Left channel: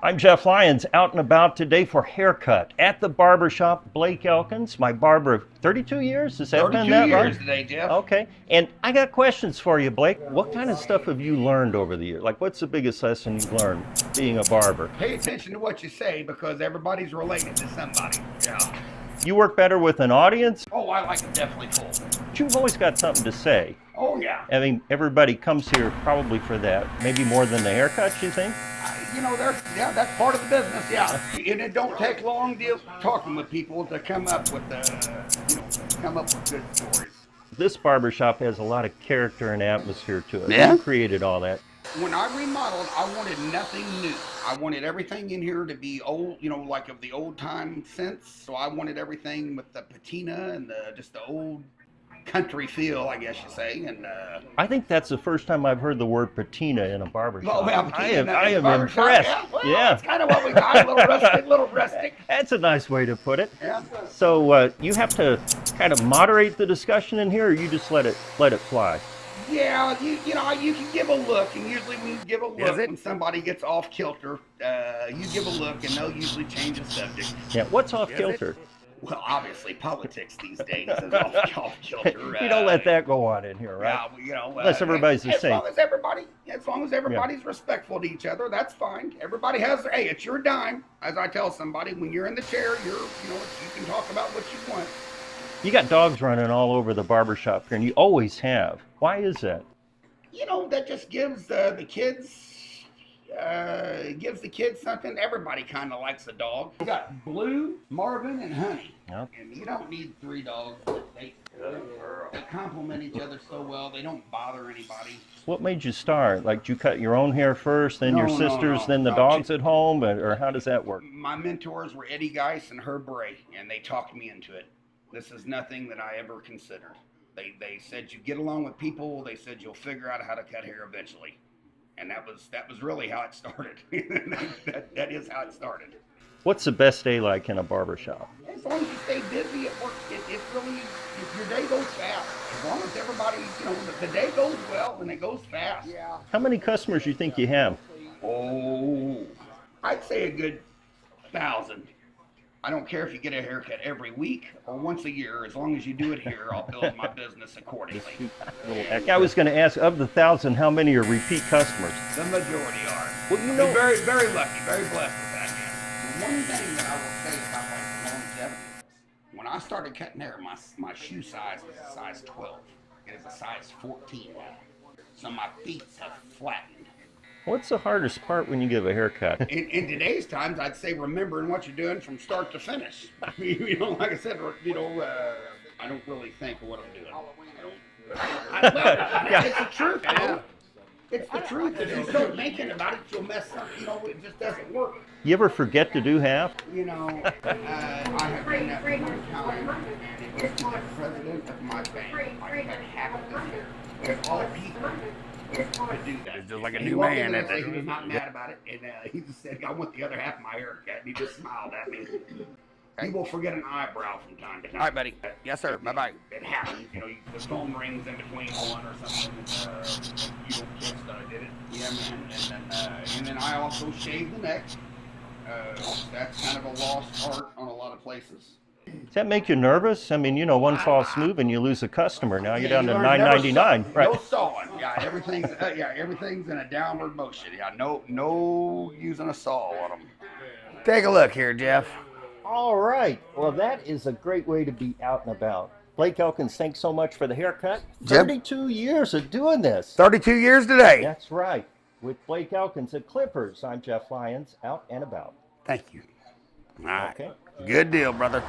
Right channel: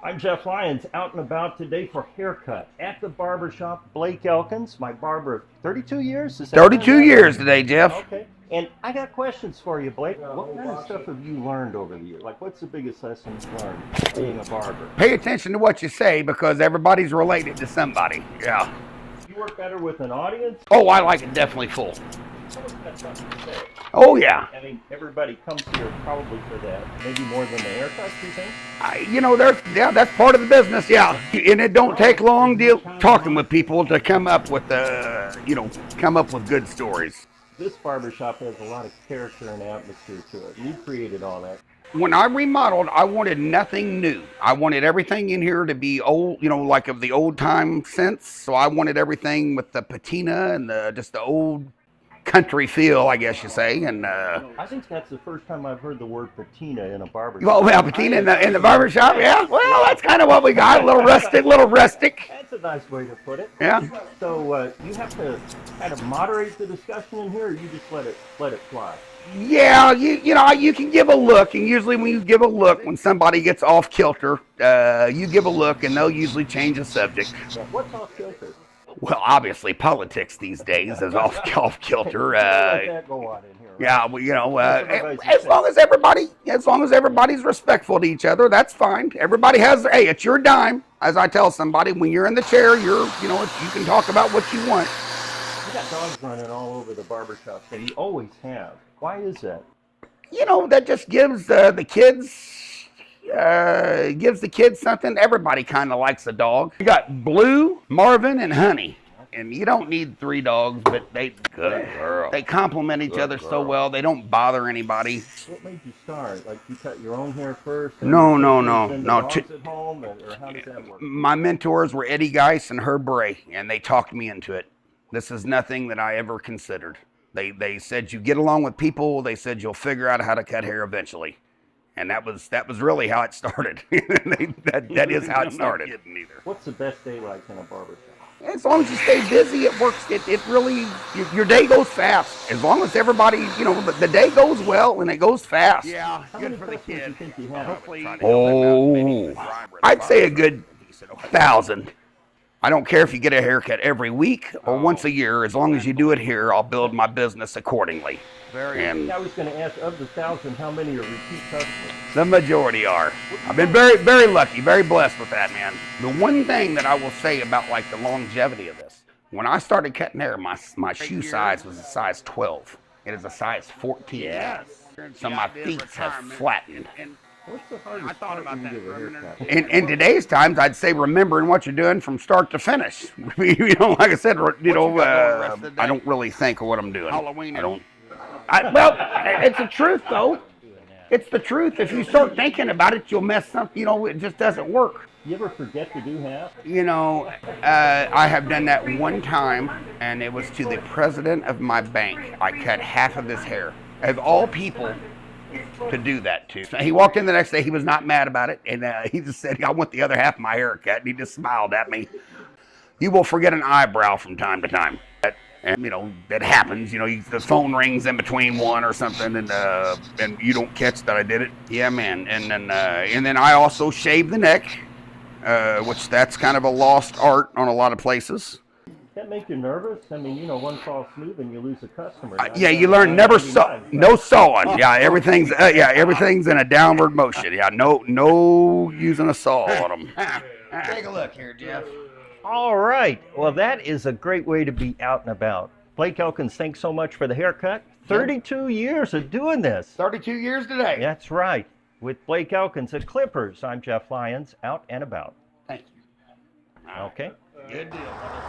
I'm Jeff Lyons, out and about today for haircut at the Barbershop. Blake Elkins, my barber of 32 years. Is that 32 years right? today, Jeff. Okay, and I got questions for you, Blake. What kind of stuff have you learned over the years? Like, what's the biggest lesson you've learned being a barber? Pay attention to what you say because everybody's related to somebody. Yeah. You work better with an audience? Oh, I like it definitely full. But you've always got something to say. Oh, yeah. I mean, everybody comes here probably for that. Maybe more than the haircut, you think? That's part of the business, yeah. And it don't take long talking with people to come up with good stories. This barbershop has a lot of character and atmosphere to it. Yeah? You created all that. When I remodeled, I wanted nothing new. I wanted everything in here to be old, like of the old time sense. So I wanted everything with the patina and just the old country feel, I guess you say. And I think that's the first time I've heard the word patina in a barbershop. well, patina in the barbershop, yeah. Well, that's kind of what we got. A little rustic. That's a nice way to put it. Yeah. So you have to kind of moderate the discussion in here, or you just let it fly? Yeah, you can give a look, and usually when you give a look, when somebody gets off kilter, you give a look, and they'll usually change the subject. Yeah. What's off kilter? Well, obviously, politics these days is off kilter. Don't let that go on in here. Right? Yeah, well, Unless everybody's the as same. long as everybody's respectful to each other, that's fine. Everybody has, hey, it's your dime. As I tell somebody, when you're in the chair, you can talk about what you want. You got dogs running all over the barbershop here, and you always have. Why is that? That just gives the kids something. Everybody kind of likes a dog. You got Blue, Marvin, and Honey. Yep. And you don't need 3 dogs, but they complement each other so well. They don't bother anybody. What made you start? Like, did you cut your own hair first, then No, your sisters, then the no. dogs at home, or how does that work? My mentors were Eddie Geis and Herb Bray, and they talked me into it. This is nothing that I ever considered. They said you get along with people. They said you'll figure out how to cut hair eventually, and that was really how it started. that is how it started. What's the best day like in a barbershop? As long as you stay busy, it works. It really your day goes fast. As long as everybody, the day goes well and it goes fast. Yeah. How many customers do you think you have? Oh, I'd say a good 1,000. I don't care if you get a haircut every week or once a year. As long as you do it here, I'll build my business accordingly. I was going to ask, of the 1,000, how many are repeat customers? The majority are. I've been very, very lucky, very blessed with that, man. The one thing that I will say about like the longevity of this, when I started cutting hair, my shoe size was a size 12. It is a size 14. Yes. So my feet have flattened. What's the hardest part when you give a haircut? In today's times, I'd say remembering what you're doing from start to finish. Like I said, I don't really think of what I'm doing. Well, it's the truth, though. It's the truth. If you start thinking about it, you'll mess up. It just doesn't work. You ever forget to do half? I have done that one time, and it was to the president of my bank. I cut half of his hair. Of all people to do that too. He walked in the next day, he was not mad about it, and he just said, I want the other half of my haircut, and he just smiled at me. You will forget an eyebrow from time to time. Yes, sir. It happens. The phone rings in between one or something, and you don't catch that I did it. Yeah, man. And then I also shave the neck, which that's kind of a lost art on a lot of places. Does that make you nervous? I mean, one false move and you lose a customer. Now you learn never saw, right? No sawing. Yeah, everything's in a downward motion. Yeah, no using a saw on them. Take a look here, Jeff. All right. Well, that is a great way to be out and about. Blake Elkins, thanks so much for the haircut. 32 years of doing this. 32 years today. That's right. With Blake Elkins at Clippers, I'm Jeff Lyons, out and about. Thank you. All right. Okay. Good deal, brother.